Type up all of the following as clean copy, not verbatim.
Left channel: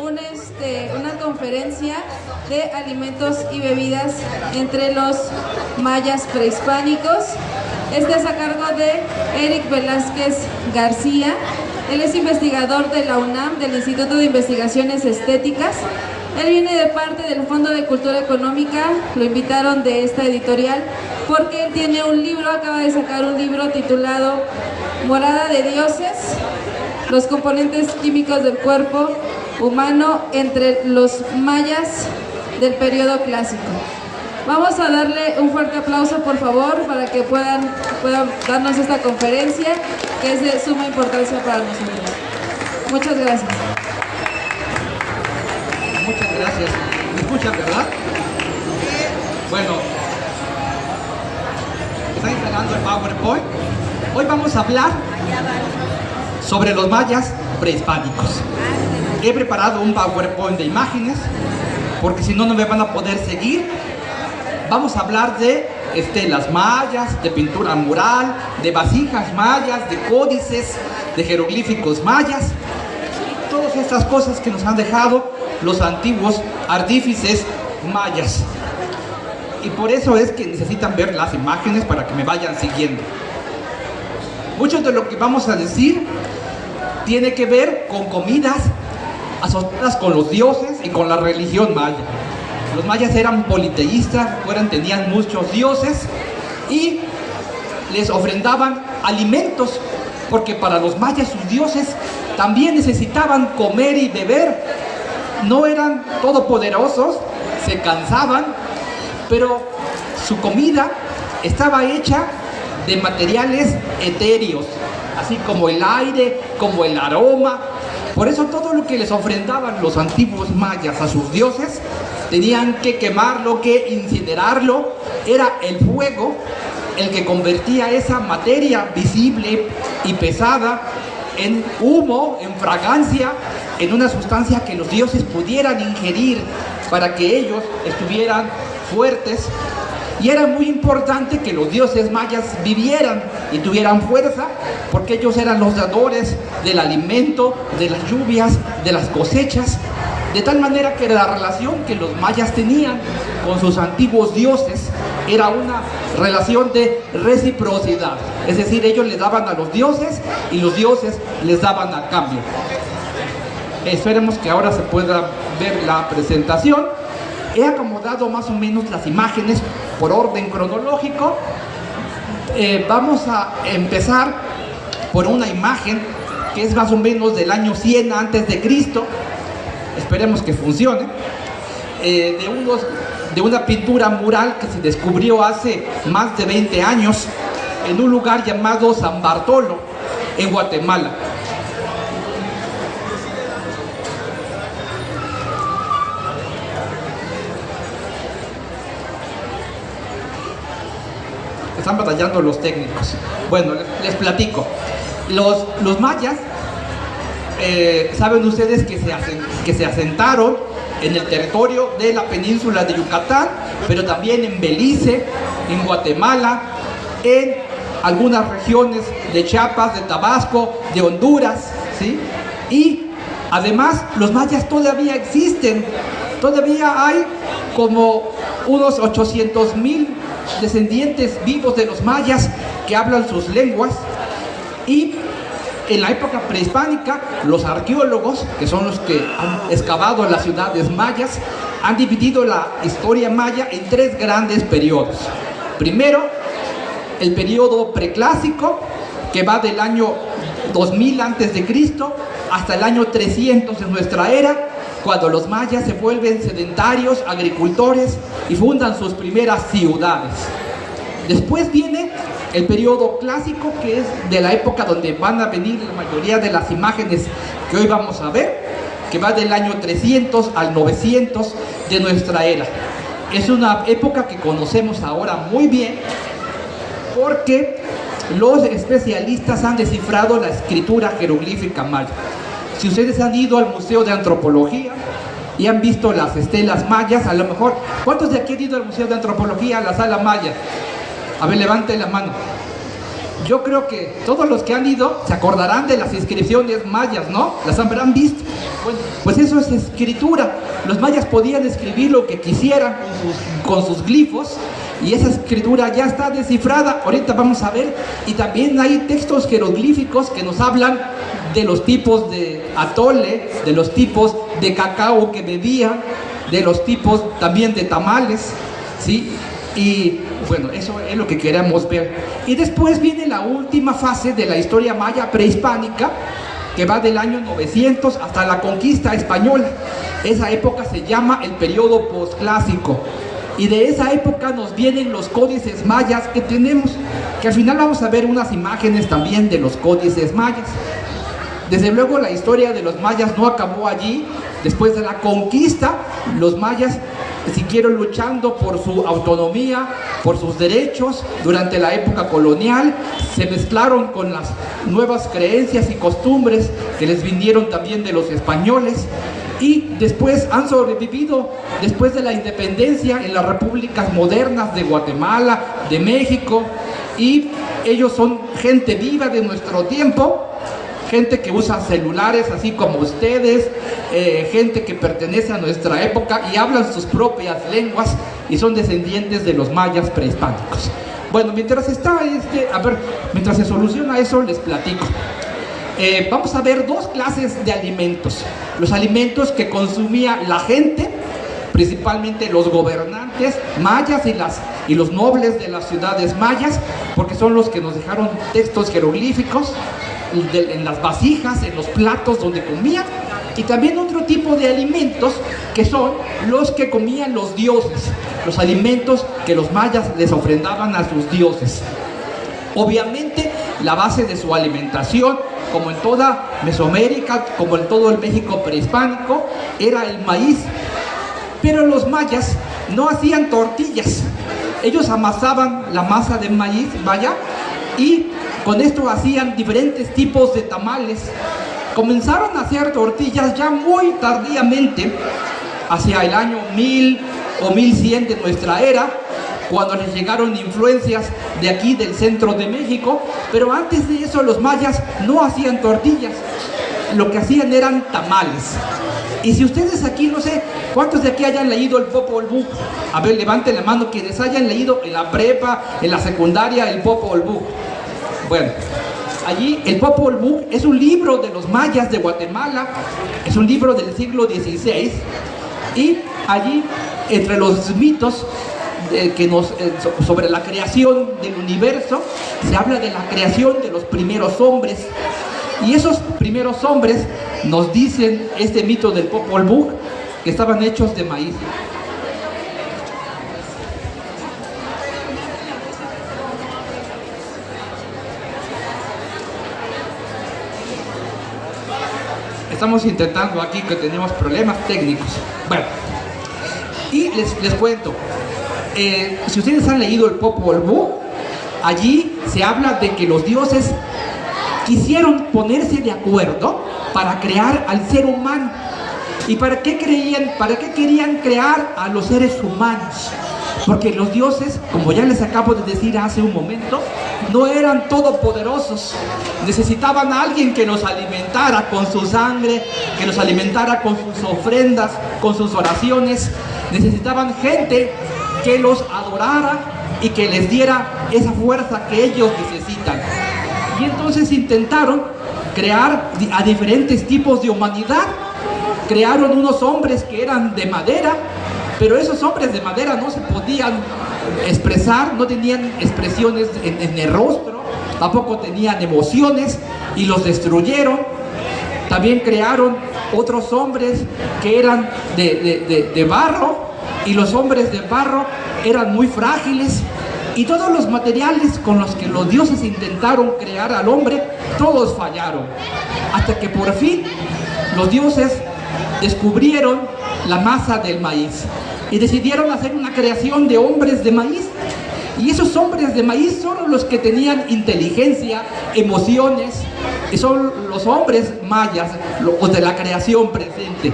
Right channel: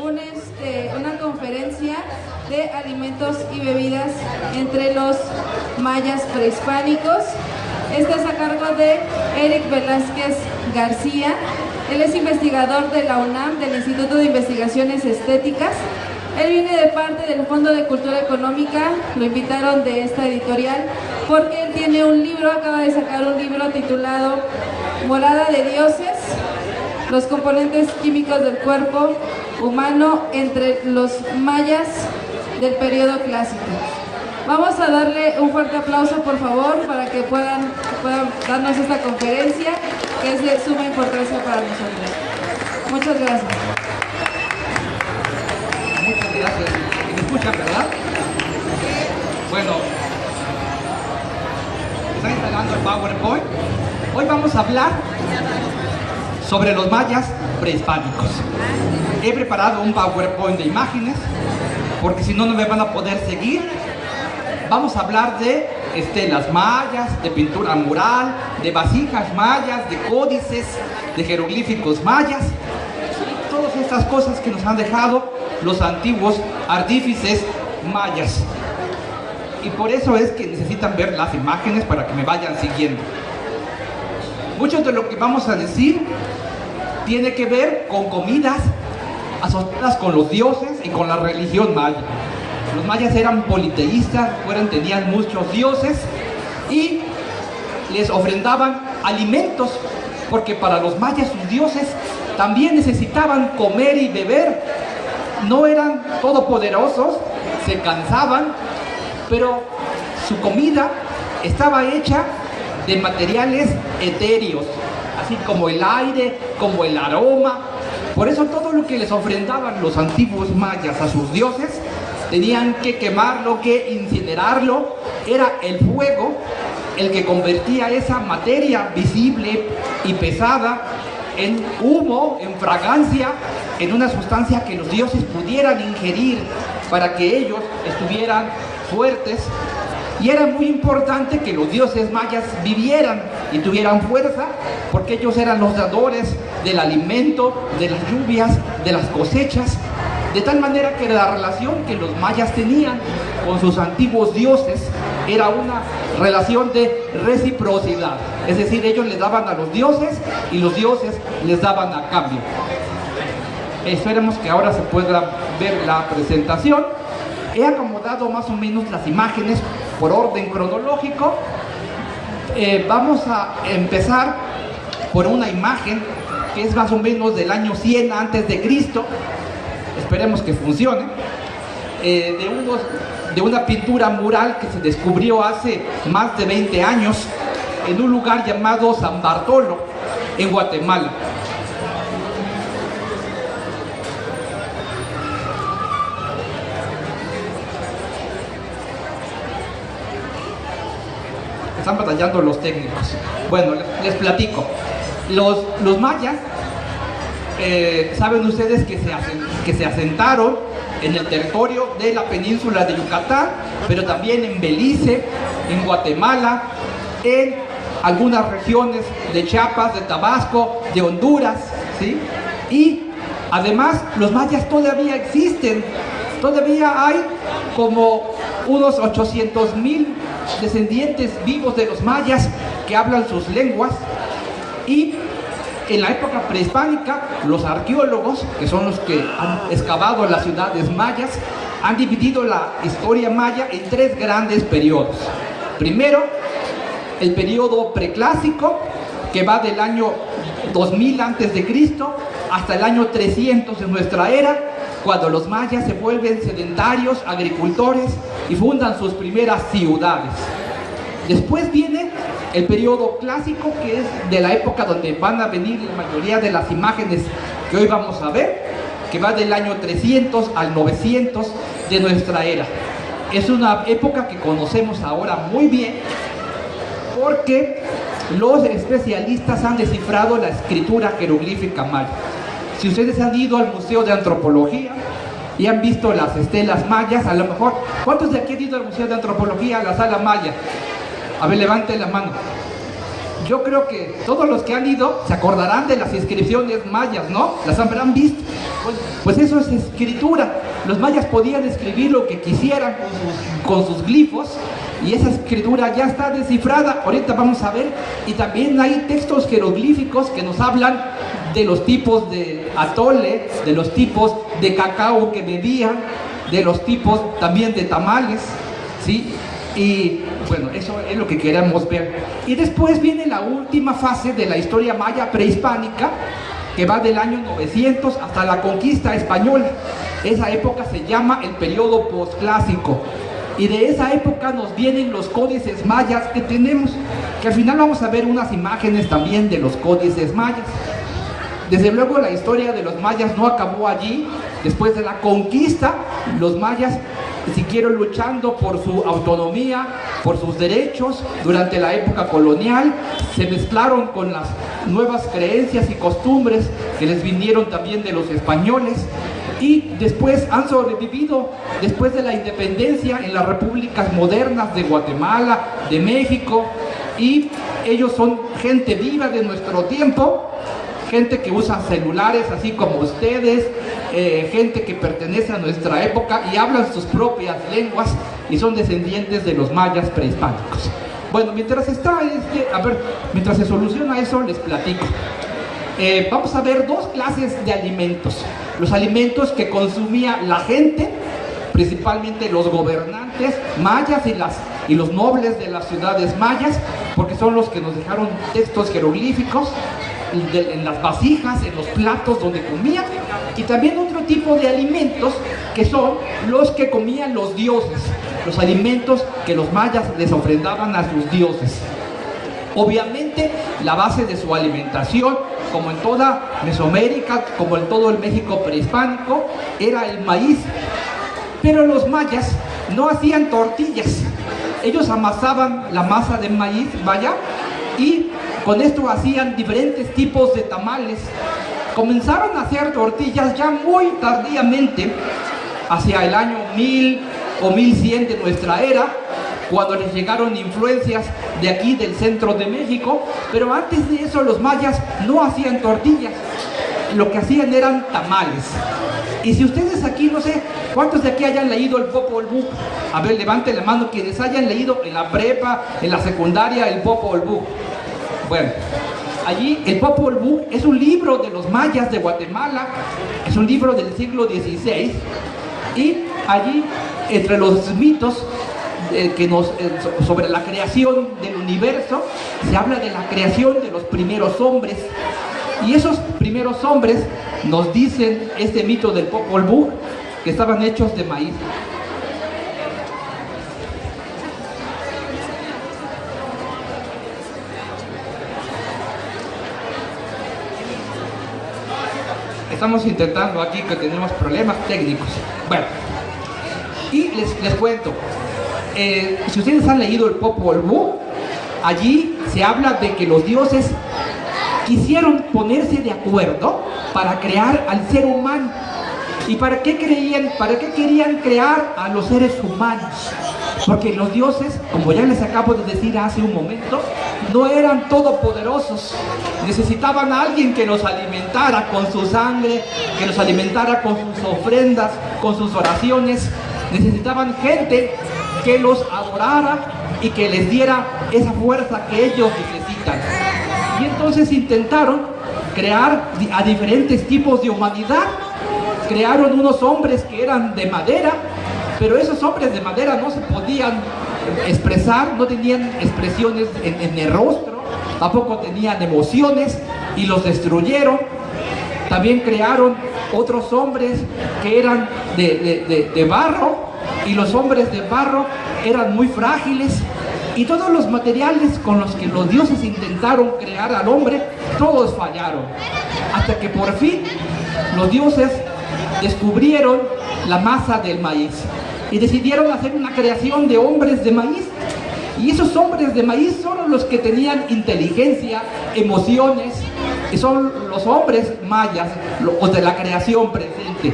una conferencia de alimentos y bebidas entre los mayas prehispánicos. Este es a cargo de Eric Velázquez García. Él es investigador de la UNAM, del Instituto de Investigaciones Estéticas. Él viene de parte del Fondo de Cultura Económica, lo invitaron de esta editorial porque él tiene un libro, acaba de sacar un libro titulado Morada de Dioses, los componentes químicos del cuerpo humano entre los mayas del periodo clásico. Vamos a darle un fuerte aplauso, por favor, para que puedan darnos esta conferencia, que es de suma importancia para nosotros. Muchas gracias. Muchas gracias. ¿Me escuchan, verdad? Bueno, está instalando el PowerPoint. Hoy vamos a hablar sobre los mayas prehispánicos. He preparado un PowerPoint de imágenes, porque si no, no me van a poder seguir. Vamos a hablar de estelas mayas, de pintura mural, de vasijas mayas, de códices, de jeroglíficos mayas, y todas estas cosas que nos han dejado los antiguos artífices mayas. Y por eso es que necesitan ver las imágenes para que me vayan siguiendo. Mucho de lo que vamos a decir tiene que ver con comidas asociadas con los dioses y con la religión maya. Los mayas eran politeístas, tenían muchos dioses y les ofrendaban alimentos, porque para los mayas sus dioses también necesitaban comer y beber. No eran todopoderosos, se cansaban, pero su comida estaba hecha de materiales etéreos, así como el aire, como el aroma. Por eso todo lo que les ofrendaban los antiguos mayas a sus dioses, tenían que quemarlo, que incinerarlo. Era el fuego el que convertía esa materia visible y pesada en humo, en fragancia, en una sustancia que los dioses pudieran ingerir para que ellos estuvieran fuertes. Y era muy importante que los dioses mayas vivieran y tuvieran fuerza, porque ellos eran los dadores del alimento, de las lluvias, de las cosechas. De tal manera que la relación que los mayas tenían con sus antiguos dioses era una relación de reciprocidad. Es decir, ellos les daban a los dioses y los dioses les daban a cambio. Esperemos que ahora se pueda ver la presentación. He acomodado más o menos las imágenes por orden cronológico. Vamos a empezar por una imagen que es más o menos del año 100 antes de Cristo. Esperemos que funcione. De una pintura mural que se descubrió hace más de 20 años en un lugar llamado San Bartolo, en Guatemala. Están batallando los técnicos. Bueno, les platico. Los mayas, saben ustedes que se asentaron en el territorio de la península de Yucatán, pero también en Belice, en Guatemala, en algunas regiones de Chiapas, de Tabasco, de Honduras, ¿sí? Y además los mayas todavía existen. Todavía hay como unos 800,000 descendientes vivos de los mayas que hablan sus lenguas. Y en la época prehispánica, los arqueólogos, que son los que han excavado las ciudades mayas, han dividido la historia maya en tres grandes periodos. Primero, el periodo preclásico, que va del año 2000 a.C. hasta el año 300 de nuestra era, cuando los mayas se vuelven sedentarios, agricultores y fundan sus primeras ciudades. Después viene el periodo clásico, que es de la época donde van a venir la mayoría de las imágenes que hoy vamos a ver, que va del año 300 al 900 de nuestra era. Es una época que conocemos ahora muy bien, porque los especialistas han descifrado la escritura jeroglífica maya. Si ustedes han ido al Museo de Antropología y han visto las estelas mayas, a lo mejor, ¿cuántos de aquí han ido al Museo de Antropología, a la sala maya? A ver, levanten la mano. yo creo que todos los que han ido se acordarán de las inscripciones mayas, ¿no? Las habrán visto. Bueno, pues eso es escritura. Los mayas podían escribir lo que quisieran con sus glifos, y esa escritura ya está descifrada. Ahorita vamos a ver. Y también hay textos jeroglíficos que nos hablan de los tipos de atole, de los tipos de cacao que bebían, de los tipos también de tamales, ¿sí? Y bueno, eso es lo que queremos ver. Y después viene la última fase de la historia maya prehispánica, que va del año 900 hasta la conquista española. Esa época se llama el periodo posclásico. Y de esa época nos vienen los códices mayas que tenemos, que al final vamos a ver unas imágenes también de los códices mayas. Desde luego la historia de los mayas no acabó allí. Después de la conquista, los mayas siguieron luchando por su autonomía, por sus derechos. Durante la época colonial se mezclaron con las nuevas creencias y costumbres que les vinieron también de los españoles, y después han sobrevivido después de la independencia en las repúblicas modernas de Guatemala, de México, y ellos son gente viva de nuestro tiempo, gente que usa celulares así como ustedes, gente que pertenece a nuestra época y hablan sus propias lenguas y son descendientes de los mayas prehispánicos. Bueno, mientras mientras se soluciona eso, les platico. Vamos a ver dos clases de alimentos. Los alimentos que consumía la gente, principalmente los gobernantes mayas y los nobles de las ciudades mayas, porque son los que nos dejaron textos jeroglíficos en las vasijas, en los platos donde comían. Y también otro tipo de alimentos que son los que comían los dioses, los alimentos que los mayas les ofrendaban a sus dioses. Obviamente la base de su alimentación, como en toda Mesoamérica, como en todo el México prehispánico, era el maíz. Pero los mayas no hacían tortillas. Ellos amasaban la masa de maíz, y con esto hacían diferentes tipos de tamales. Comenzaron a hacer tortillas ya muy tardíamente, hacia el año 1000 o 1100 de nuestra era, cuando les llegaron influencias de aquí del centro de México. Pero antes de eso los mayas no hacían tortillas, lo que hacían eran tamales. Y si ustedes aquí, no sé, ¿cuántos de aquí hayan leído el Popol Vuh? A ver, levanten la mano quienes hayan leído en la prepa, en la secundaria, el Popol Vuh. Bueno, allí el Popol Vuh es un libro de los mayas de Guatemala, es un libro del siglo XVI, y allí, entre los mitos sobre la creación del universo, se habla de la creación de los primeros hombres. Y esos primeros hombres, nos dicen este mito del Popol Vuh, que estaban hechos de maíz. Estamos intentando aquí, que tenemos problemas técnicos. Bueno, y les cuento, si ustedes han leído el Popol Vuh, allí se habla de que los dioses quisieron ponerse de acuerdo para crear al ser humano. ¿Y para qué querían crear a los seres humanos? Porque los dioses, como ya les acabo de decir hace un momento, no eran todopoderosos. Necesitaban a alguien que los alimentara con su sangre, que los alimentara con sus ofrendas, con sus oraciones. Necesitaban gente que los adorara y que les diera esa fuerza que ellos necesitan. Y entonces intentaron crear a diferentes tipos de humanidad. Crearon unos hombres que eran de madera, pero esos hombres de madera no se podían expresar, no tenían expresiones en el rostro, tampoco tenían emociones, y los destruyeron. También crearon otros hombres que eran de barro, y los hombres de barro eran muy frágiles. Y todos los materiales con los que los dioses intentaron crear al hombre, todos fallaron. Hasta que por fin los dioses descubrieron la masa del maíz y decidieron hacer una creación de hombres de maíz. Y esos hombres de maíz son los que tenían inteligencia, emociones, y son los hombres mayas, los de la creación presente.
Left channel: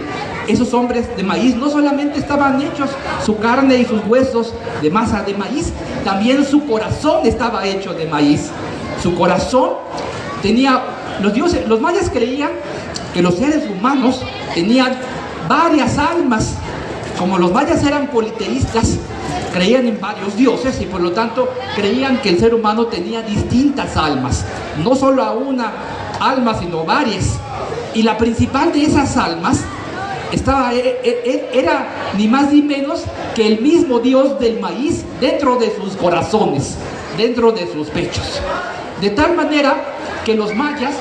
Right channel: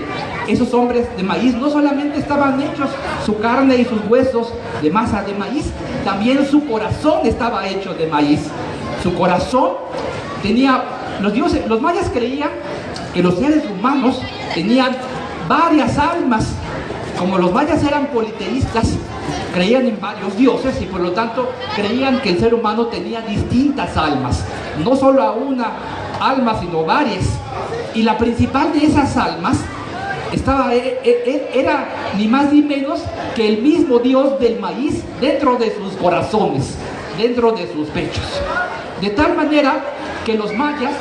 Esos hombres de maíz no solamente estaban hechos su carne y sus huesos de masa de maíz, también su corazón estaba hecho de maíz. su corazón tenía, los mayas creían que los seres humanos tenían varias almas. Como los mayas eran politeístas, creían en varios dioses y por lo tanto creían que el ser humano tenía distintas almas, no solo a una alma sino varias, y la principal de esas almas era ni más ni menos que el mismo dios del maíz dentro de sus corazones, dentro de sus pechos, de tal manera que los mayas,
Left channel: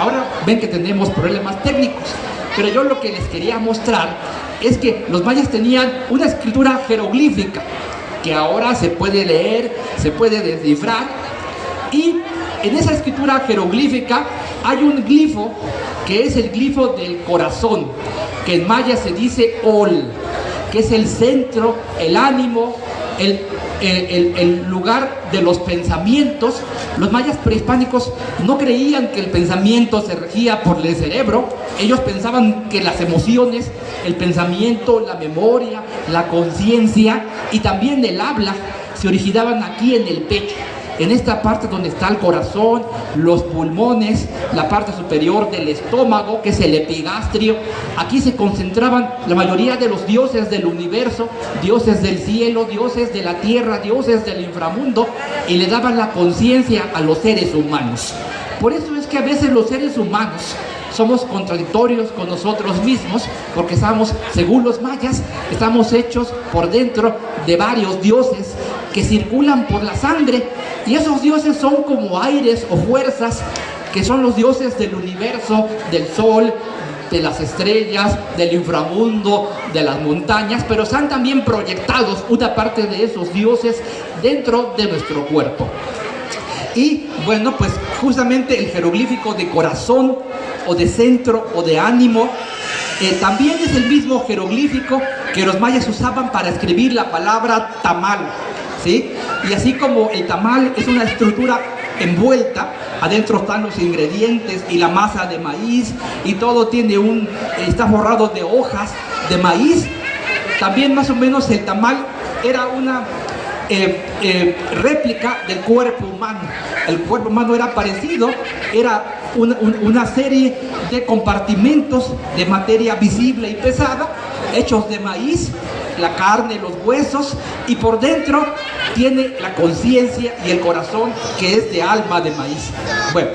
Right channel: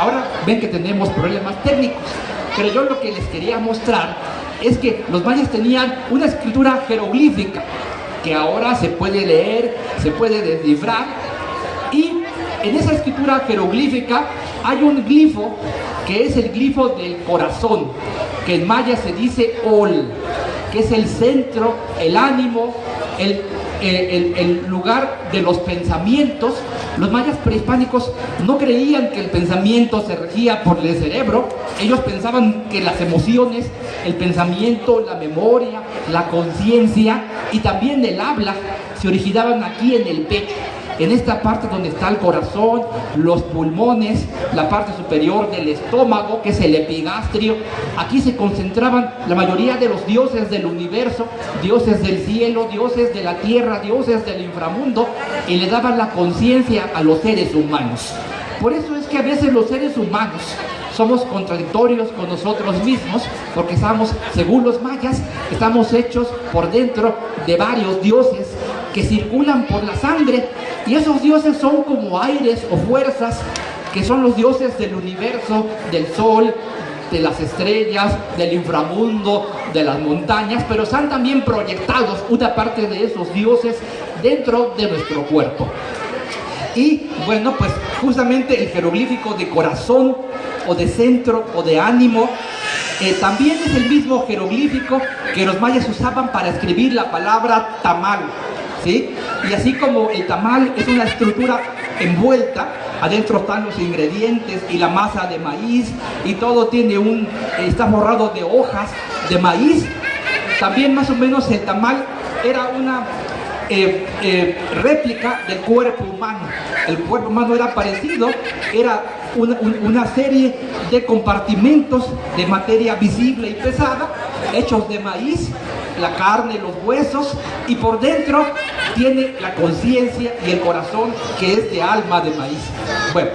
ahora ven que tenemos problemas técnicos, pero yo lo que les quería mostrar es que los mayas tenían una escritura jeroglífica que ahora se puede leer, se puede descifrar, y en esa escritura jeroglífica hay un glifo que es el glifo del corazón, que en maya se dice Ol, que es el centro, el ánimo, el lugar de los pensamientos. Los mayas prehispánicos no creían que el pensamiento se regía por el cerebro. Ellos pensaban que las emociones, el pensamiento, la memoria, la conciencia y también el habla se originaban aquí en el pecho, en esta parte donde está el corazón, los pulmones, la parte superior del estómago, que es el epigastrio. Aquí se concentraban la mayoría de los dioses del universo, dioses del cielo, dioses de la tierra, dioses del inframundo, y le daban la conciencia a los seres humanos. Por eso es que a veces los seres humanos somos contradictorios con nosotros mismos, porque estamos, según los mayas, estamos hechos por dentro de varios dioses que circulan por la sangre, y esos dioses son como aires o fuerzas, que son los dioses del universo, del sol, de las estrellas, del inframundo, de las montañas, pero están también proyectados una parte de esos dioses dentro de nuestro cuerpo. Y bueno, pues justamente el jeroglífico de corazón o de centro o de ánimo también es el mismo jeroglífico que los mayas usaban para escribir la palabra tamal, ¿sí? Y así como el tamal es una estructura envuelta, adentro están los ingredientes y la masa de maíz, y todo está forrado de hojas de maíz. También más o menos el tamal era una réplica del cuerpo humano. El cuerpo humano era parecido, era una serie de compartimentos de materia visible y pesada, hechos de maíz, la carne, los huesos, y por dentro tiene la conciencia y el corazón, que es de alma de maíz. Bueno,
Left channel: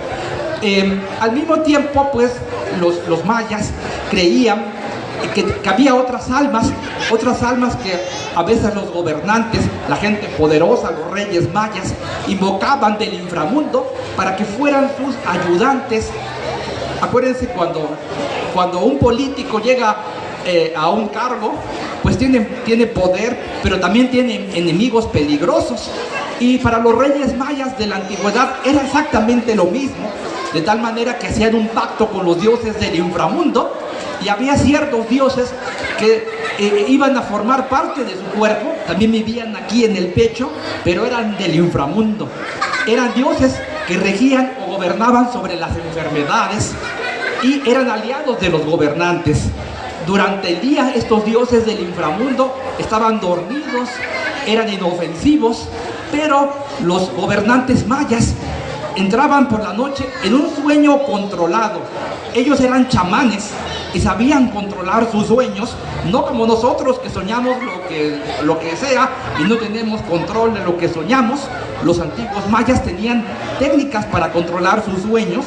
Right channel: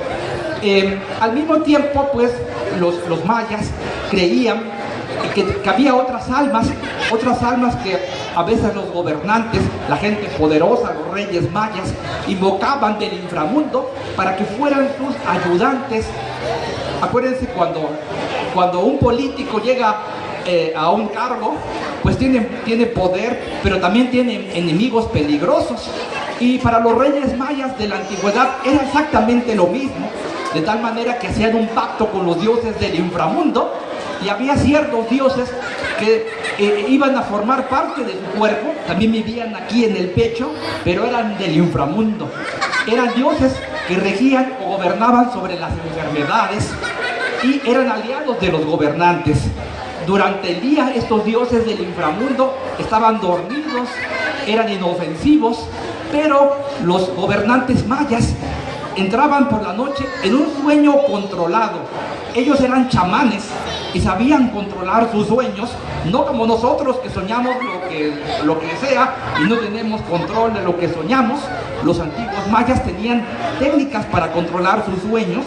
al mismo tiempo, pues, los mayas creían que había otras almas que a veces los gobernantes, la gente poderosa, los reyes mayas, invocaban del inframundo para que fueran sus ayudantes. Acuérdense cuando un político llega a un cargo, pues tiene poder, pero también tiene enemigos peligrosos. Y para los reyes mayas de la antigüedad era exactamente lo mismo, de tal manera que hacían un pacto con los dioses del inframundo, y había ciertos dioses que iban a formar parte de su cuerpo, también vivían aquí en el pecho, pero eran del inframundo. Eran dioses que regían o gobernaban sobre las enfermedades y eran aliados de los gobernantes. Durante el día estos dioses del inframundo estaban dormidos, eran inofensivos, pero los gobernantes mayas entraban por la noche en un sueño controlado. Ellos eran chamanes y sabían controlar sus sueños, no como nosotros que soñamos lo que sea y no tenemos control de lo que soñamos. Los antiguos mayas tenían técnicas para controlar sus sueños,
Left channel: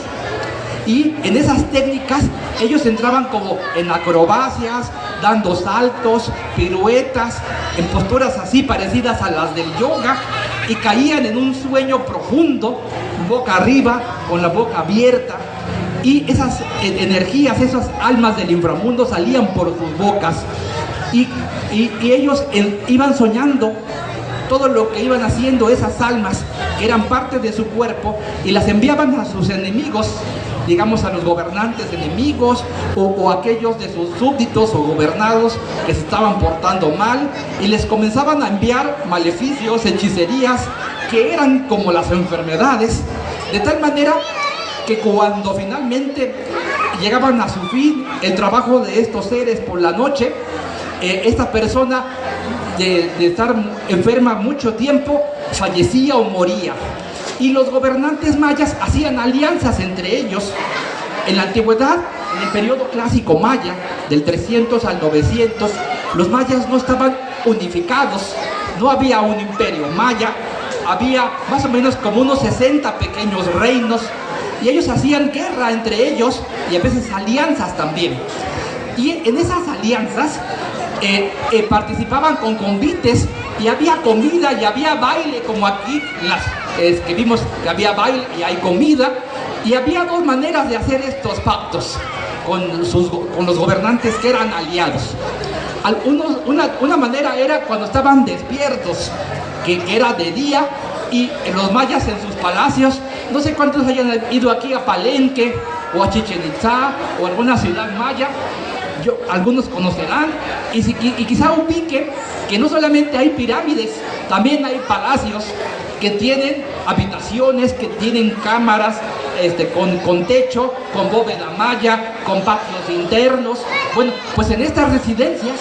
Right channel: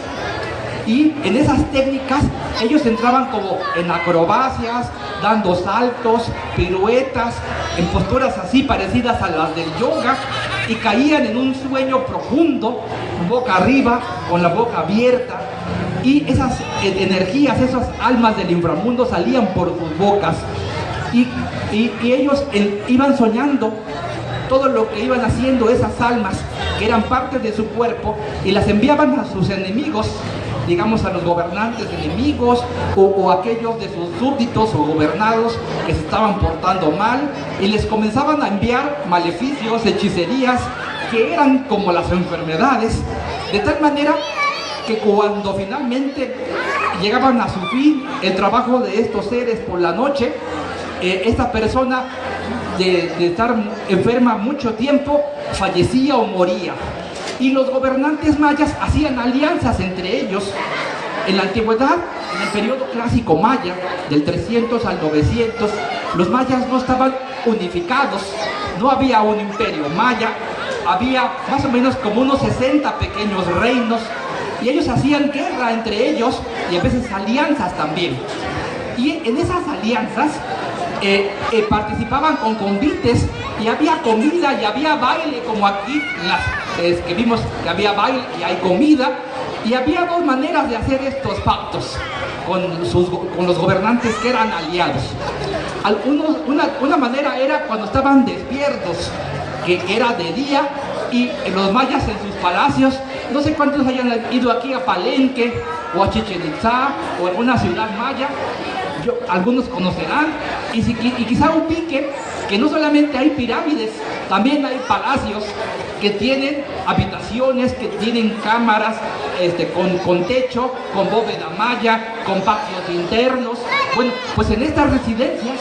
y en esas técnicas ellos entraban como en acrobacias, dando saltos, piruetas, en posturas así parecidas a las del yoga, y caían en un sueño profundo, boca arriba, con la boca abierta, y esas energías, esas almas del inframundo salían por sus bocas, y ellos iban soñando todo lo que iban haciendo esas almas, que eran parte de su cuerpo, y las enviaban a sus enemigos, digamos a los gobernantes enemigos, o aquellos de sus súbditos o gobernados que se estaban portando mal, y les comenzaban a enviar maleficios, hechicerías, que eran como las enfermedades, de tal manera que cuando finalmente llegaban a su fin el trabajo de estos seres por la noche, esta persona de estar enferma mucho tiempo fallecía o moría. Y los gobernantes mayas hacían alianzas entre ellos. En la antigüedad, en el periodo clásico maya, del 300 al 900, los mayas no estaban unificados, no había un imperio maya, había más o menos como unos 60 pequeños reinos, y ellos hacían guerra entre ellos y a veces alianzas también. Y en esas alianzas participaban con convites y había comida y había baile, como aquí que vimos que había baile y hay comida. Y había dos maneras de hacer estos pactos con los gobernantes que eran aliados. Una manera era cuando estaban despiertos, que era de día, y los mayas en sus palacios, no sé cuántos hayan ido aquí a Palenque o a Chichén Itzá o a alguna ciudad maya, algunos conocerán, y quizá ubiquen que no solamente hay pirámides, también hay palacios que tienen habitaciones, que tienen cámaras con techo, con bóveda maya, con patios internos. Bueno, pues en estas residencias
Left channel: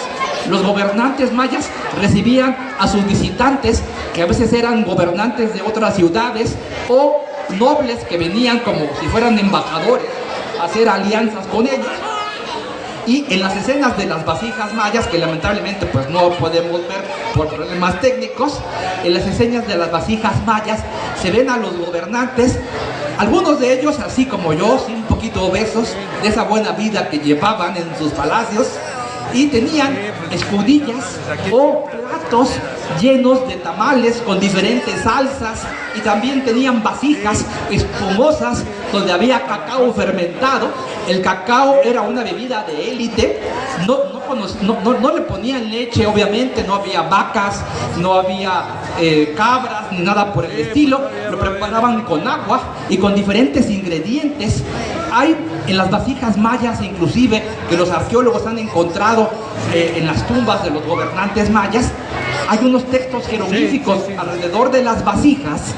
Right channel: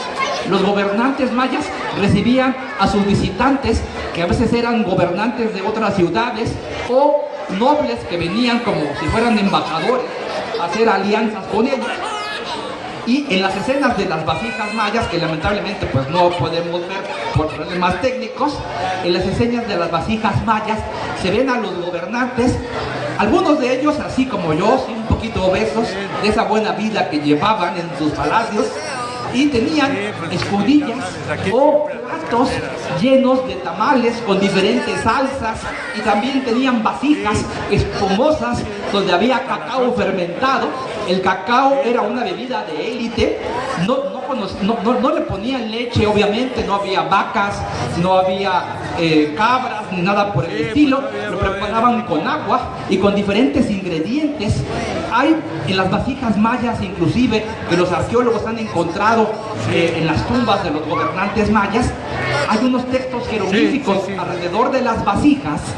los gobernantes mayas recibían a sus visitantes, que a veces eran gobernantes de otras ciudades o nobles que venían como si fueran embajadores a hacer alianzas con ellos. Y en las escenas de las vasijas mayas, que lamentablemente pues no podemos ver por problemas técnicos, en las escenas de las vasijas mayas se ven a los gobernantes, algunos de ellos así como yo, sí, un poquito obesos, de esa buena vida que llevaban en sus palacios, y tenían escudillas o platos llenos de tamales con diferentes salsas, y también tenían vasijas espumosas donde había cacao fermentado. El cacao era una bebida de élite, no le ponían leche, obviamente, no había vacas, no había cabras, ni nada por el estilo, lo preparaban con agua y con diferentes ingredientes. Hay en las vasijas mayas, inclusive, que los arqueólogos han encontrado en las tumbas de los gobernantes mayas, hay unos textos jeroglíficos alrededor de las vasijas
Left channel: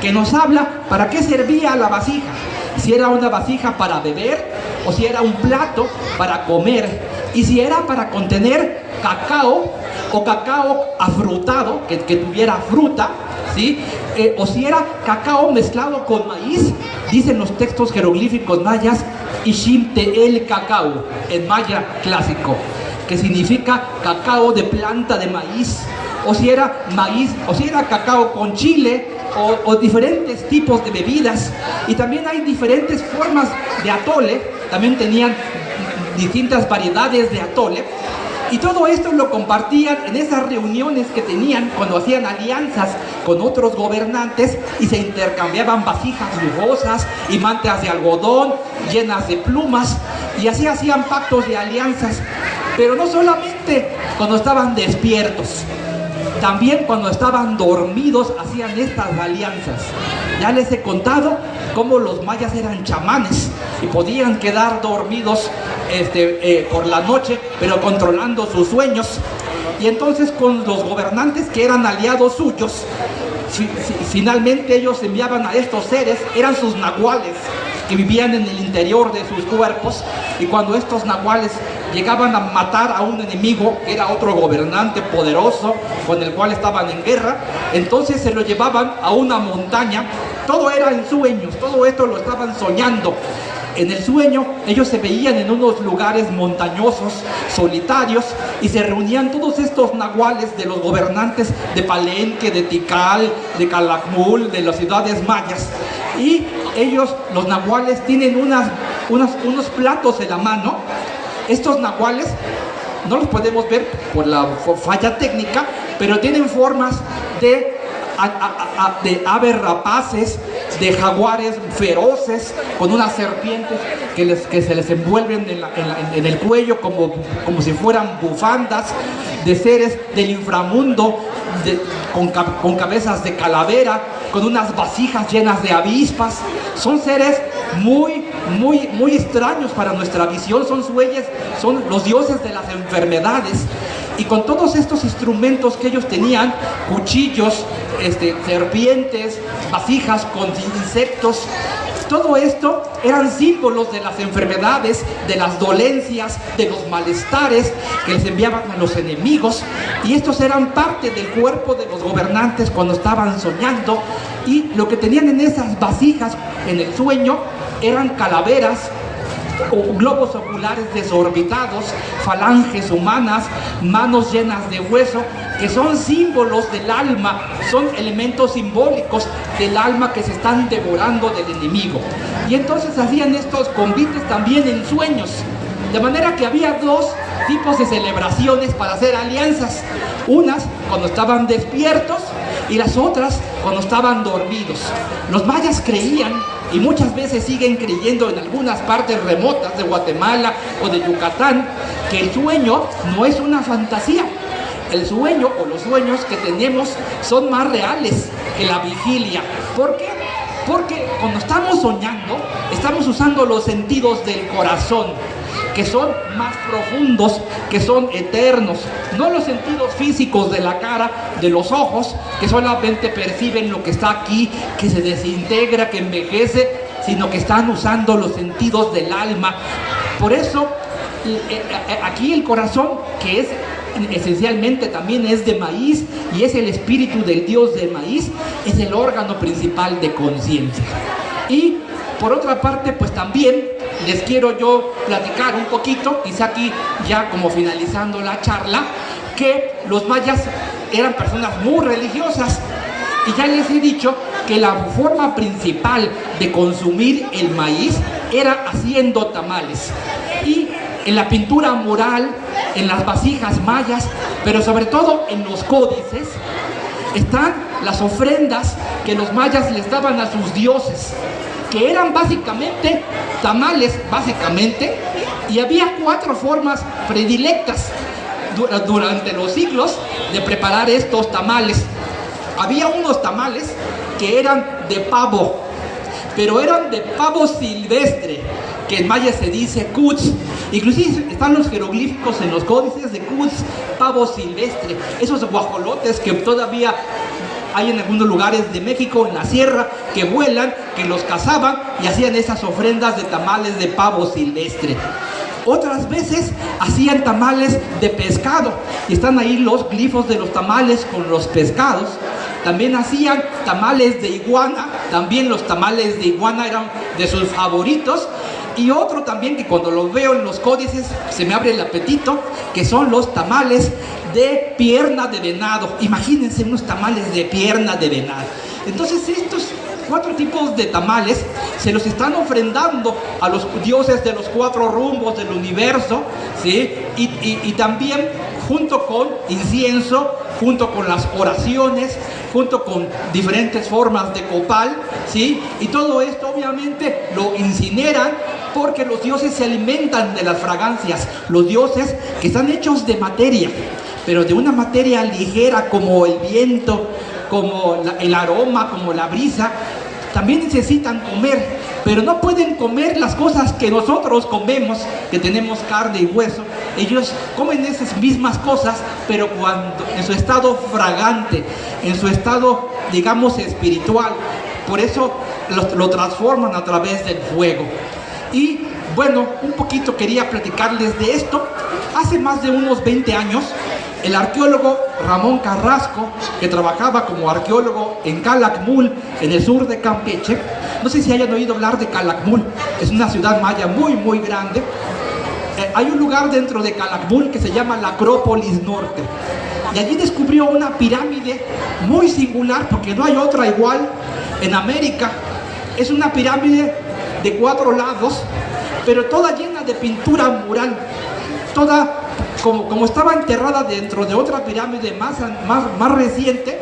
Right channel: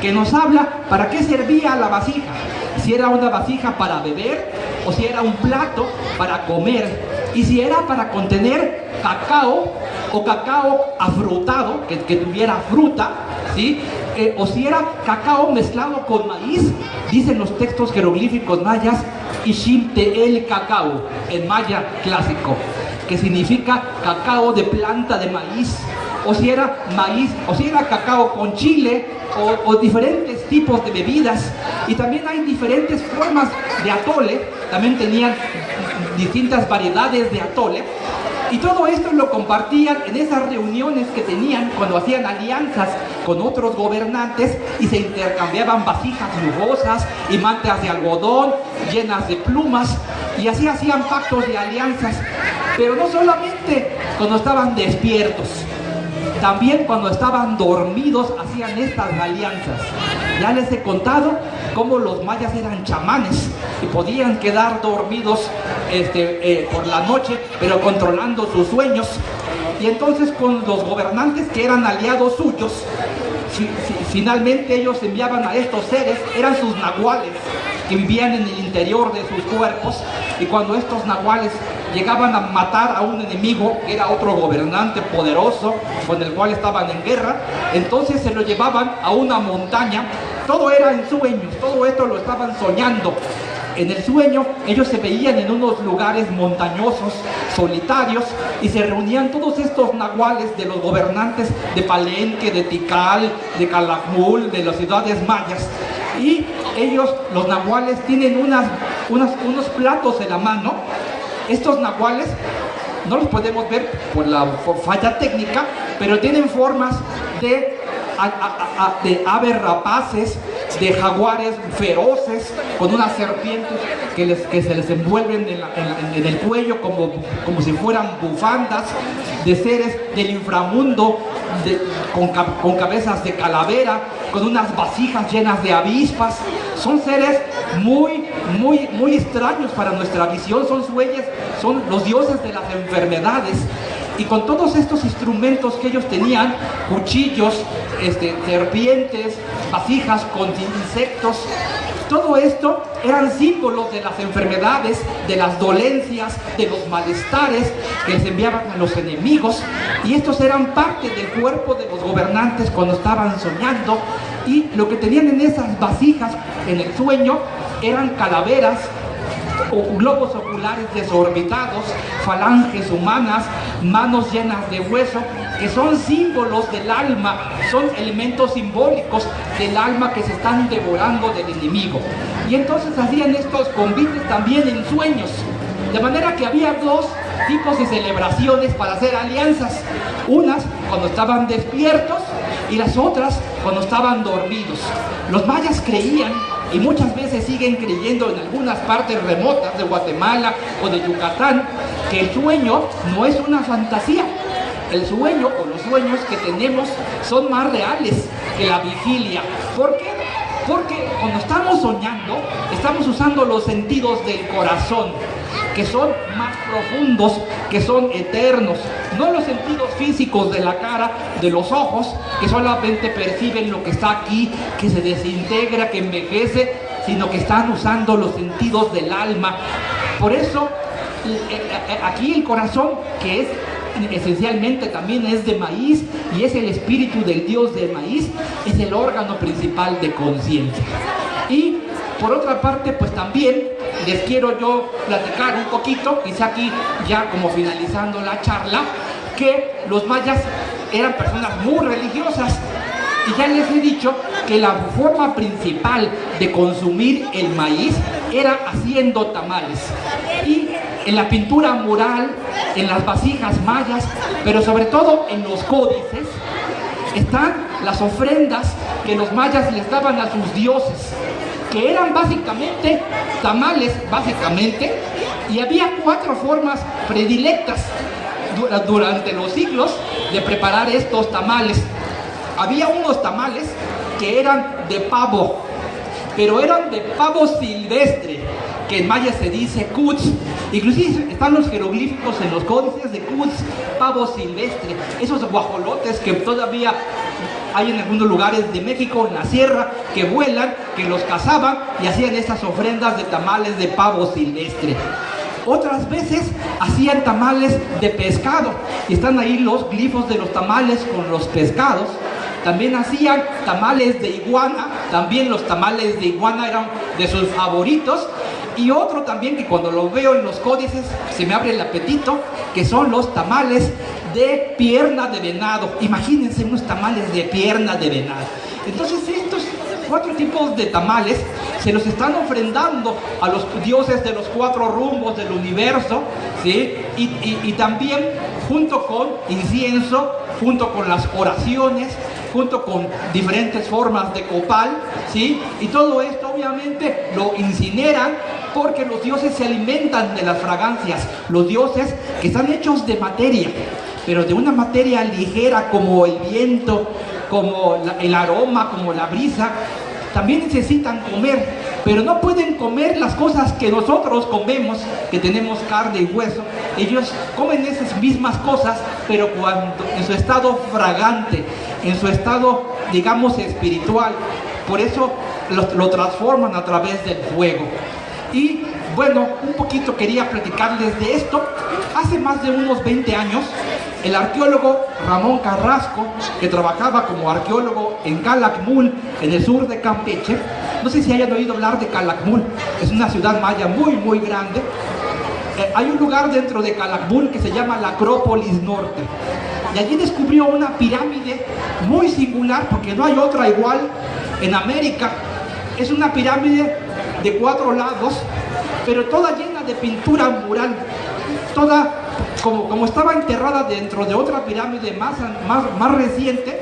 que nos habla para qué servía la vasija, si era una vasija para beber o si era un plato para comer, y si era para contener cacao o cacao afrutado, que tuviera fruta, ¿sí? O si era cacao mezclado con maíz. Dicen los textos jeroglíficos mayas, Ishimte el cacao, en maya clásico, que significa cacao de planta de maíz, o si era maíz, o si era cacao con chile, o diferentes tipos de bebidas. Y también hay diferentes formas de atole, también tenían distintas variedades de atole, y todo esto lo compartían en esas reuniones que tenían cuando hacían alianzas con otros gobernantes y se intercambiaban vasijas lujosas y mantas de algodón llenas de plumas, y así hacían pactos de alianzas. Pero no solamente cuando estaban despiertos, también cuando estaban dormidos hacían estas alianzas. Ya les he contado cómo los mayas eran chamanes y podían quedar dormidos por la noche, pero controlando sus sueños. Y entonces con los gobernantes que eran aliados suyos, finalmente ellos enviaban a estos seres, eran sus nahuales, que vivían en el interior de sus cuerpos, y cuando estos nahuales llegaban a matar a un enemigo, que era otro gobernante poderoso con el cual estaban en guerra, entonces se lo llevaban a una montaña. Todo era en sueños, todo esto lo estaban soñando. En el sueño ellos se veían en unos lugares montañosos, solitarios, y se reunían todos estos nahuales de los gobernantes de Palenque, de Tikal, de Calakmul, de las ciudades mayas. Y ellos, los nahuales, tienen unos platos en la mano. Estos nahuales no los podemos ver por la falla técnica, pero tienen formas de aves rapaces, de jaguares feroces, con unas serpientes que se les envuelven en el cuello como si fueran bufandas, de seres del inframundo con cabezas de calavera, con unas vasijas llenas de avispas. Son seres muy extraños para nuestra visión, son los dioses de las enfermedades. Y con todos estos instrumentos que ellos tenían, cuchillos, serpientes, vasijas con insectos, Todo esto eran símbolos de las enfermedades, de las dolencias, de los malestares que les enviaban a los enemigos, y estos eran parte del cuerpo de los gobernantes cuando estaban soñando, y lo que tenían en esas vasijas en el sueño eran calaveras o globos oculares desorbitados, falanges humanas, manos llenas de hueso, que son símbolos del alma, son elementos simbólicos del alma que se están devorando del enemigo. Y entonces hacían estos convites también en sueños, de manera que había dos tipos de celebraciones para hacer alianzas, unas cuando estaban despiertos y las otras cuando estaban dormidos. Los mayas creían, y muchas veces siguen creyendo en algunas partes remotas de Guatemala o de Yucatán, que el sueño no es una fantasía. El sueño o los sueños que tenemos son más reales que la vigilia. ¿Por qué? Porque cuando estamos soñando, estamos usando los sentidos del corazón, que son más profundos, que son eternos, no los sentidos físicos de la cara, de los ojos, que solamente perciben lo que está aquí, que se desintegra, que envejece, sino que están usando los sentidos del alma. Por eso, aquí el corazón, que es esencialmente también es de maíz y es el espíritu del dios del maíz, es el órgano principal de conciencia. Y por otra parte, pues también les quiero yo platicar un poquito, quizá aquí ya como finalizando la charla, que los mayas eran personas muy religiosas, y ya les he dicho que la forma principal de consumir el maíz era haciendo tamales. Y en la pintura mural, en las vasijas mayas, pero sobre todo en los códices, están las ofrendas que los mayas les daban a sus dioses, que eran básicamente tamales, y había 4 formas predilectas durante los siglos de preparar estos tamales. Había unos tamales que eran de pavo, pero eran de pavo silvestre, que en maya se dice cuts. Inclusive están los jeroglíficos en los códices de cuts, pavo silvestre, esos guajolotes que todavía hay en algunos lugares de México, en la sierra, que vuelan, que los cazaban y hacían esas ofrendas de tamales de pavo silvestre. Otras veces hacían tamales de pescado, y están ahí los glifos de los tamales con los pescados. También hacían tamales de iguana, también los tamales de iguana eran de sus favoritos. Y otro también que cuando lo veo en los códices se me abre el apetito, que son los tamales de pierna de venado. Imagínense unos tamales de pierna de venado. Entonces estos 4 tipos de tamales se los están ofrendando a los dioses de los 4 rumbos del universo, ¿sí? Y también junto con incienso, junto con las oraciones, junto con diferentes formas de copal, ¿sí? Y todo esto obviamente lo incineran, porque los dioses se alimentan de las fragancias. Los dioses que están hechos de materia, pero de una materia ligera como el viento, como el aroma, como la brisa, también necesitan comer, pero no pueden comer las cosas que nosotros comemos, que tenemos carne y hueso. Ellos comen esas mismas cosas, pero cuando, en su estado fragante, en su estado, digamos, espiritual. Por eso lo transforman a través del fuego. Y bueno, un poquito quería platicarles de esto. Hace más de unos 20 años, el arqueólogo Ramón Carrasco, que trabajaba como arqueólogo en Calakmul, en el sur de Campeche, no sé si hayan oído hablar de Calakmul, es una ciudad maya muy, muy grande. Hay un lugar dentro de Calakmul que se llama la Acrópolis Norte, y allí descubrió una pirámide muy singular, porque no hay otra igual en América. Es una pirámide de 4 lados, pero toda llena de pintura mural, toda como estaba enterrada dentro de otra pirámide más reciente.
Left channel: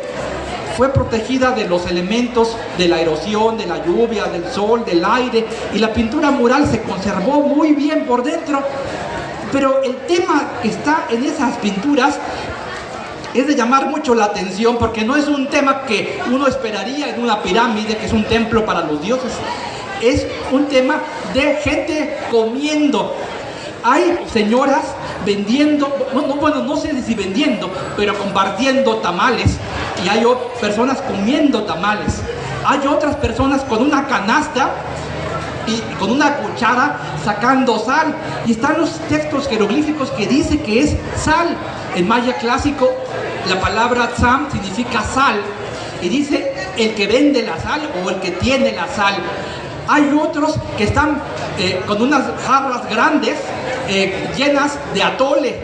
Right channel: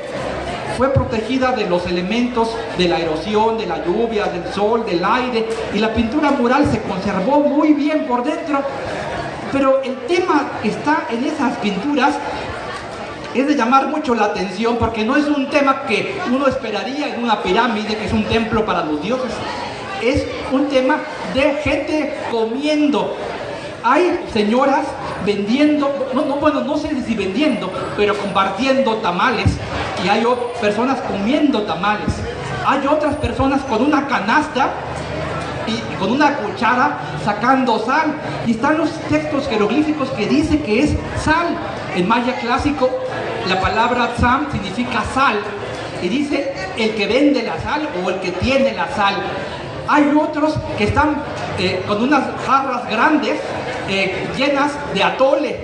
Fue protegida de los elementos de la erosión, de la lluvia, del sol, del aire, y la pintura mural se conservó muy bien por dentro. Pero el tema que está en esas pinturas es de llamar mucho la atención, porque no es un tema que uno esperaría en una pirámide, que es un templo para los dioses. Es un tema de gente comiendo. Hay señoras vendiendo, no sé si vendiendo, pero compartiendo tamales. Y hay personas comiendo tamales. Hay otras personas con una canasta y con una cuchara sacando sal. Y están los textos jeroglíficos que dice que es sal. En maya clásico la palabra tzam significa sal. Y dice el que vende la sal o el que tiene la sal. Hay otros que están con unas jarras grandes llenas de atole.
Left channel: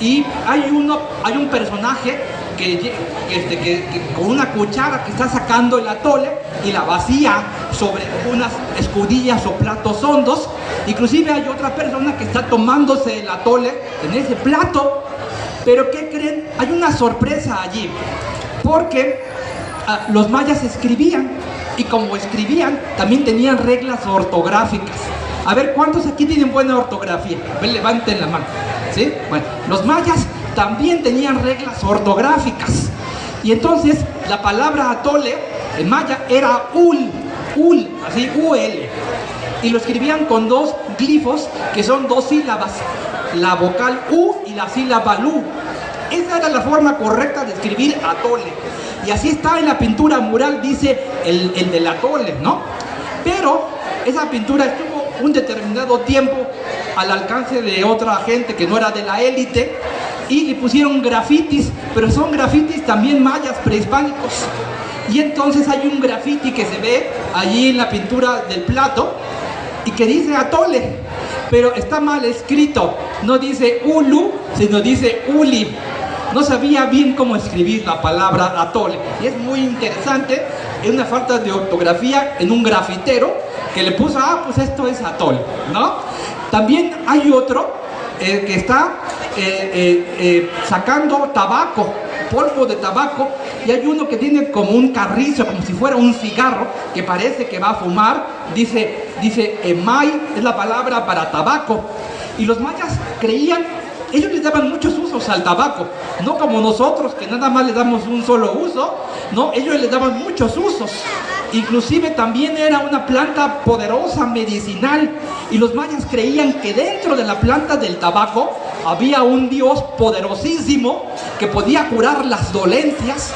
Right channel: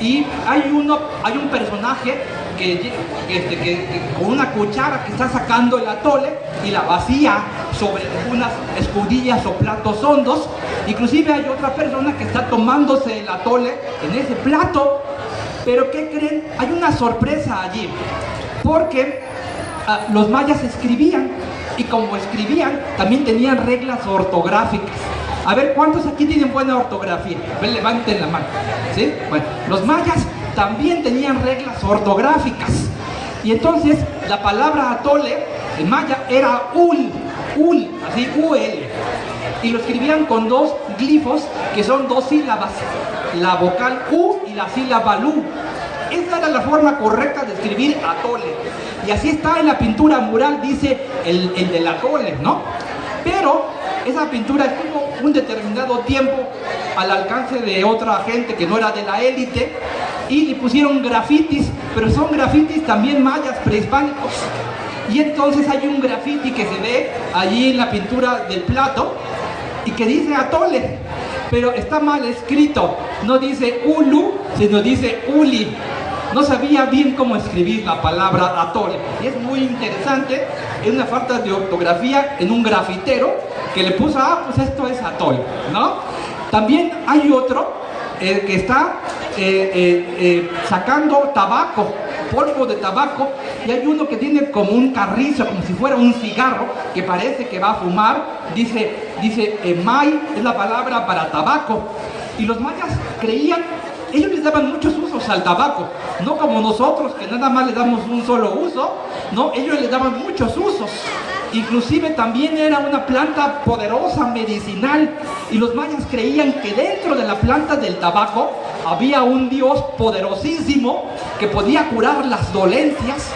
Y hay un personaje que con una cuchara que está sacando el atole y la vacía sobre unas escudillas o platos hondos. Inclusive hay otra persona que está tomándose el atole en ese plato. Pero ¿qué creen? Hay una sorpresa allí, porque los mayas escribían, y como escribían también tenían reglas ortográficas. A ver, ¿cuántos aquí tienen buena ortografía? A ver, levanten la mano. ¿Sí? Bueno, los mayas también tenían reglas ortográficas. Y entonces la palabra atole en maya era ul, así, ul. Y lo escribían con dos glifos que son dos sílabas, la vocal u y la sílaba lu. Esa era la forma correcta de escribir atole. Y así está en la pintura mural, dice el del atole, ¿no? Pero esa pintura estuvo un determinado tiempo al alcance de otra gente que no era de la élite, y le pusieron grafitis, pero son grafitis también mayas prehispánicos. Y entonces hay un grafiti que se ve allí en la pintura del plato y que dice atole, pero está mal escrito, no dice ulu, sino dice uli. No sabía bien cómo escribir la palabra atole, y es muy interesante, es una falta de ortografía en un grafitero que le puso, pues esto es atole, ¿no? También hay otro que está sacando tabaco, polvo de tabaco, y hay uno que tiene como un carrizo, como si fuera un cigarro, que parece que va a fumar. Dice emay, es la palabra para tabaco. Y los mayas creían, ellos les daban muchos usos al tabaco, no como nosotros que nada más le damos un solo uso, no, ellos le daban muchos usos. Inclusive también era una planta poderosa, medicinal, y los mayas creían que dentro de la planta del tabaco había un dios poderosísimo que podía curar las dolencias,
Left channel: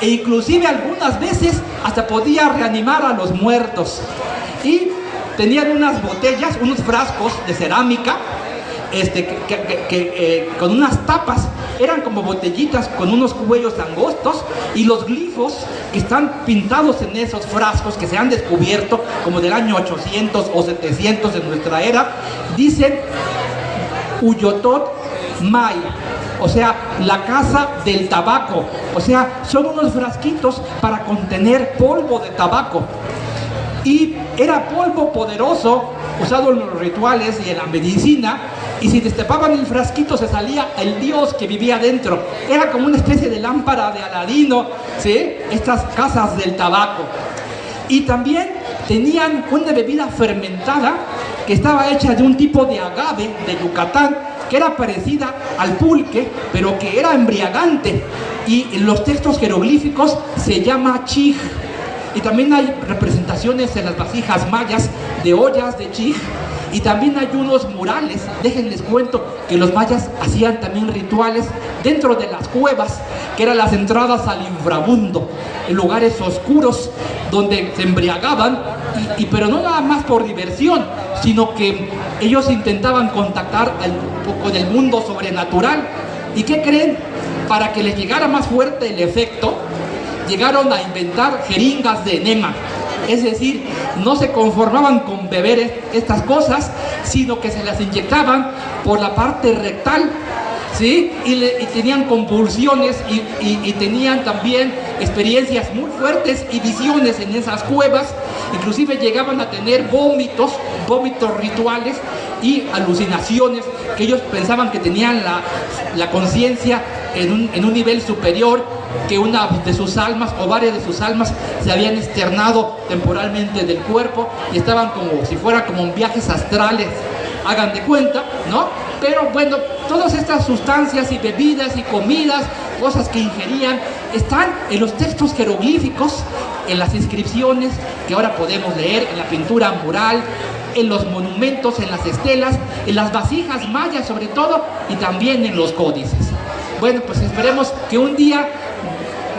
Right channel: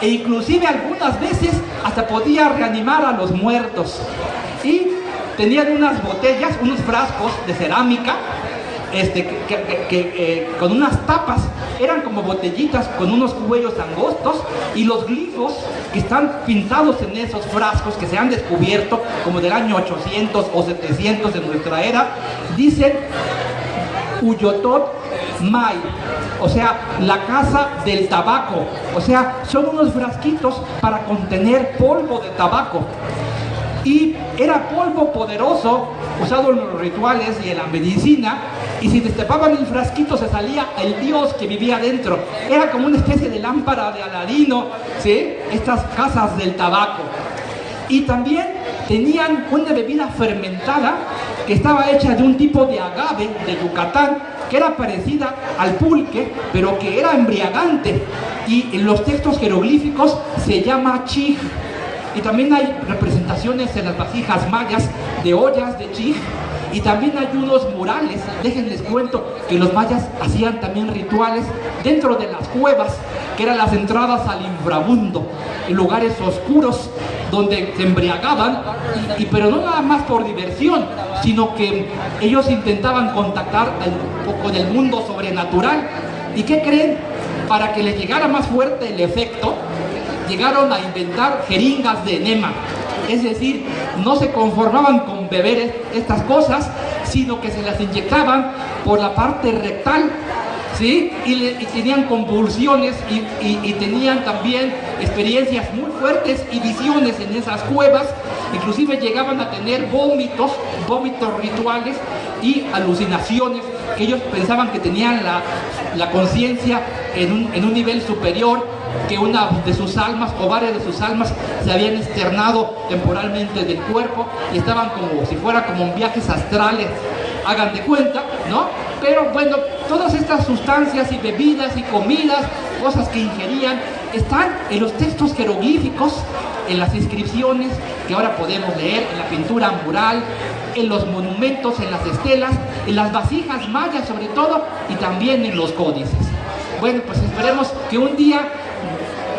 e inclusive algunas veces hasta podía reanimar a los muertos. Y tenían unas botellas, unos frascos de cerámica con unas tapas, eran como botellitas con unos cuellos angostos, y los glifos que están pintados en esos frascos que se han descubierto como del año 800 o 700 de nuestra era, dicen Uyotot May, o sea, la casa del tabaco. O sea, son unos frasquitos para contener polvo de tabaco. Y era polvo poderoso, usado en los rituales y en la medicina, y si destapaban el frasquito se salía el dios que vivía dentro. Era como una especie de lámpara de Aladino, ¿sí? Estas casas del tabaco. Y también tenían una bebida fermentada que estaba hecha de un tipo de agave de Yucatán, que era parecida al pulque, pero que era embriagante. Y en los textos jeroglíficos se llama chij. Y también hay representaciones en las vasijas mayas de ollas de chij. Y también hay unos murales, déjenles cuento, que los mayas hacían también rituales dentro de las cuevas, que eran las entradas al inframundo, en lugares oscuros donde se embriagaban, pero no nada más por diversión, sino que ellos intentaban contactar con el mundo sobrenatural. ¿Y qué creen? Para que les llegara más fuerte el efecto, llegaron a inventar jeringas de enema. Es decir, no se conformaban con beber estas cosas, sino que se las inyectaban por la parte rectal, ¿sí? Y tenían convulsiones y tenían también experiencias muy fuertes y visiones en esas cuevas. Inclusive llegaban a tener vómitos rituales y alucinaciones, que ellos pensaban que tenían la conciencia en un nivel superior, que una de sus almas o varias de sus almas se habían externado temporalmente del cuerpo y estaban como si fuera como en viajes astrales, hagan de cuenta, ¿no? Pero bueno, todas estas sustancias y bebidas y comidas, cosas que ingerían, están en los textos jeroglíficos, en las inscripciones que ahora podemos leer, en la pintura mural, en los monumentos, en las estelas, en las vasijas mayas sobre todo, y también en los códices. Bueno, pues esperemos que un día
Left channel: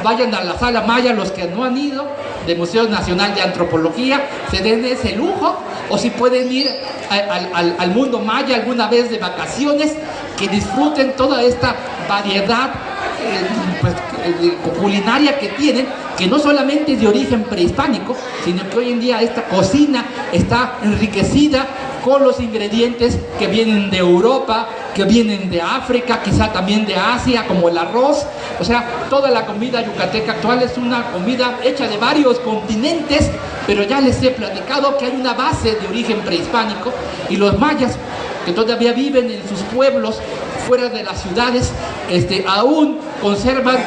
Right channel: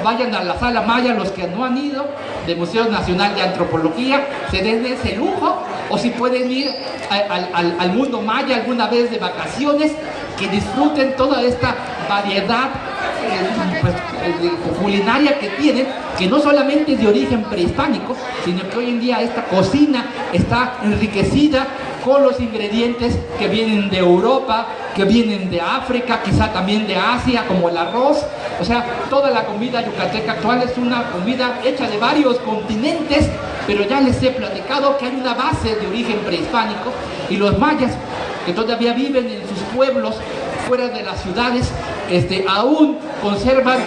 vayan a la sala maya, los que no han ido, del Museo Nacional de Antropología, se den ese lujo o si pueden ir al mundo maya alguna vez de vacaciones, que disfruten toda esta variedad culinaria que tienen, que no solamente es de origen prehispánico, sino que hoy en día esta cocina está enriquecida con los ingredientes que vienen de Europa, que vienen de África, quizá también de Asia, como el arroz. O sea, toda la comida yucateca actual es una comida hecha de varios continentes, pero ya les he platicado que hay una base de origen prehispánico, y los mayas, que todavía viven en sus pueblos fuera de las ciudades, aún conservan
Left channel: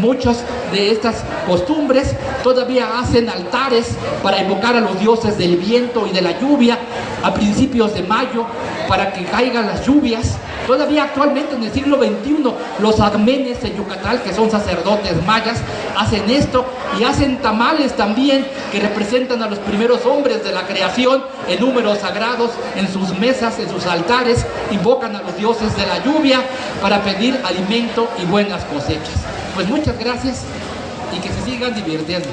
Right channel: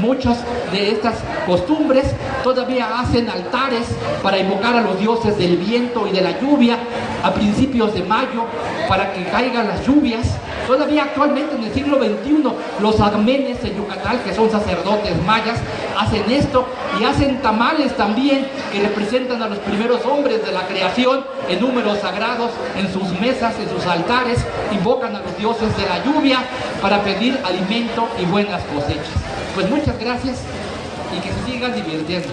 muchas de estas costumbres. Todavía hacen altares para invocar a los dioses del viento y de la lluvia a principios de mayo, para que caigan las lluvias. Todavía actualmente en el siglo XXI los agmenes de Yucatán, que son sacerdotes mayas, hacen esto, y hacen tamales también, que representan a los primeros hombres de la creación en números sagrados, en sus mesas, en sus altares. Invocan a los dioses de la lluvia para pedir alimento y buenas cosechas. Pues muchas gracias, y que se sigan divirtiendo.